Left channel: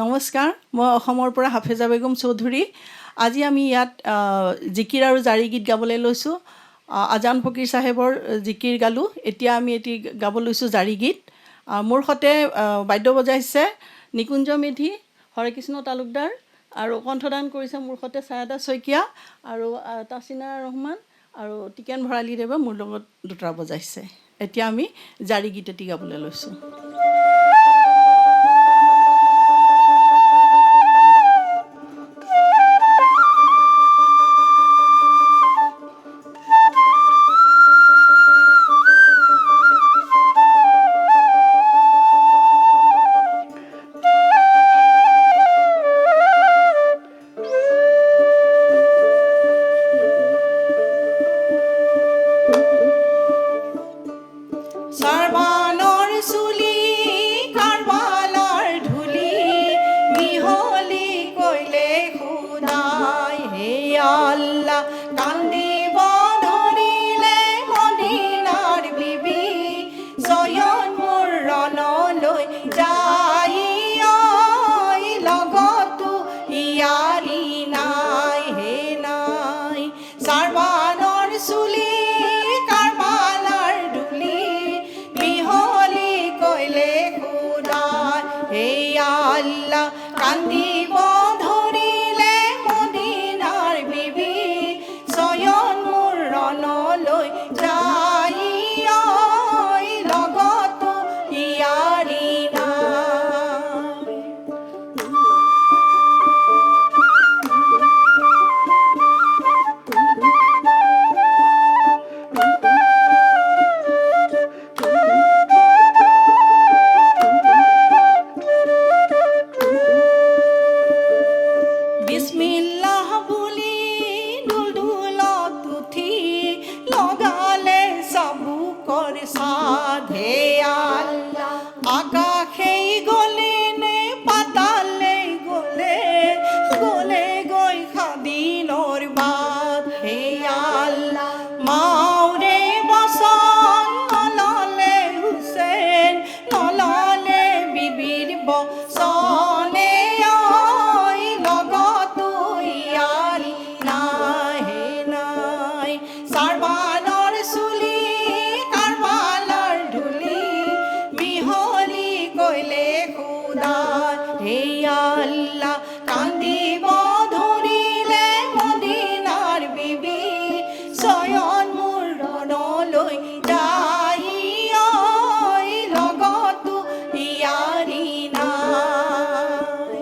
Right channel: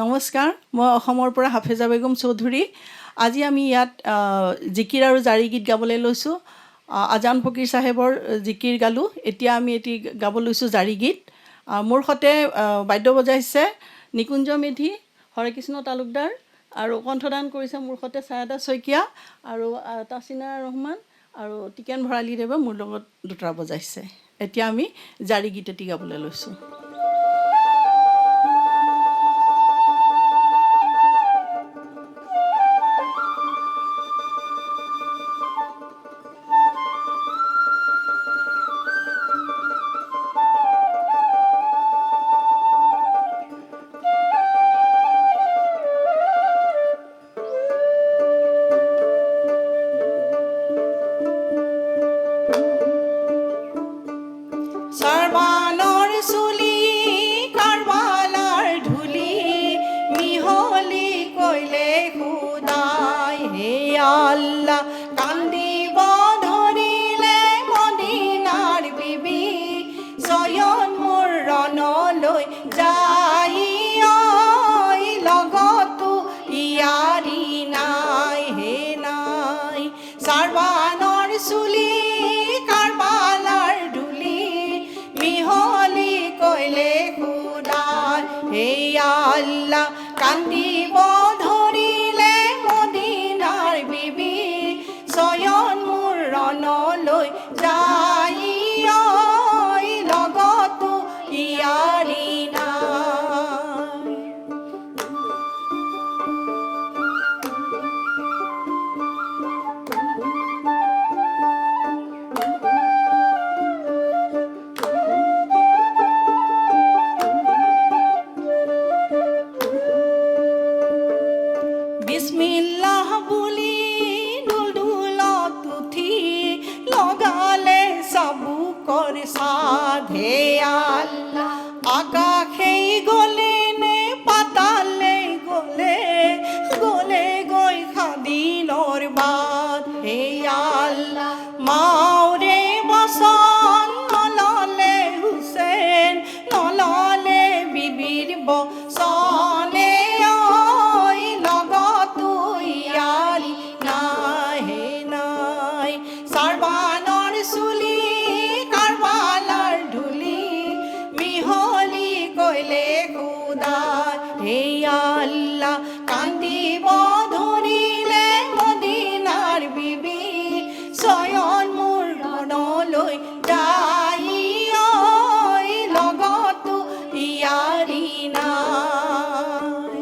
নমস্কাৰ, মই অসমৰ পৰা হাফেজা বেগম চৌধুৰী। আজি আমি ইয়াত জিকিৰ আৰু জাৰি গীত গাবলৈ লৈছোঁ। আজান ফকীৰ চাহেবৰ জিকিৰ গালোঁ, এতিয়া আমি এটি গাব লৈছোঁ জাৰি গীত। মোৰ সৈতে বাদ্য বজাইছে নিকুঞ্জ মেধি, হৰেকৃষ্ণ তালুকদাৰ আৰু কণ্ঠদান কৰিছে মোৰ সৈতে ছায়াদা শইকীয়া আৰু তাচিনা ৰহমান আৰু টিকেন ভৰালীদেৱে মোৰ লগত দুটা বজাইছে। এতিয়া আমি জাৰি গীত এটি গাবলৈ লৈছোঁ। সৰ্বানৰ চুলি কাৰবালাৰ ধূলি মিহলি কৈলে খুদাই হে আল্লাহ কান্দিব ধৰিলে মদিনাৰ বিবি জয়ন মোৰ ৰণলৈ যাই লগতো ইয়াৰি নাই হে নাই সৰ্বানৰ চুলি কাৰবালাৰ ধূলি মিহলি কৈলে খুদাই হে আল্লাহ কান্দিব ধৰিলে মদিনাৰ বিবি জয়ন মোৰ ৰণলৈ যাই লগতো ইয়াৰি নাই। বিসমিল্লাহ বুলি দুলদুলত উঠি লগালে চাবুকৰ সাধে আল্লাহ আকাশেই গ'লে নে পাতালে গ'লে গ'লে গৈ খাদিনৰ বাট হে আল্লাহ মাউৰে বচন নললে হুছেইন নললে বিবিৰ বচনে লগতো ইয়াৰি নাই হে নাই সৰ্বানৰ চুলি কাৰবালাৰ ধূলি মিহলি কৈলে খুদাই হে আল্লাহ কান্দিব ধৰিলে মদিনাৰ বিবি জয়ন মোৰ ৰণলৈ যাই লগতো ইয়াৰি নাই।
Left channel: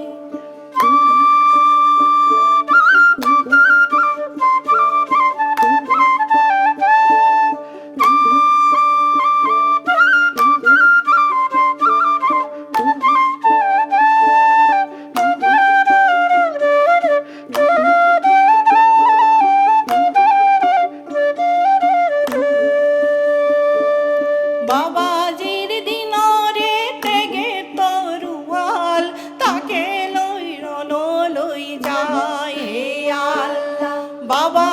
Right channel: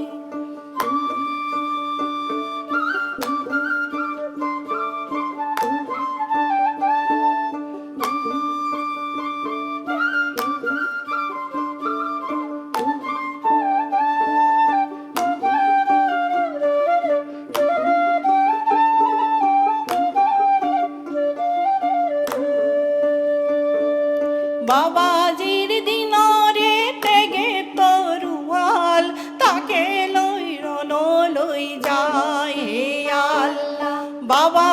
বাবাজিৰ দিনৰে তেগে তৰুৱাল তাকে লৈ ৰণলৈ যায় হে আল্লাহ বাবা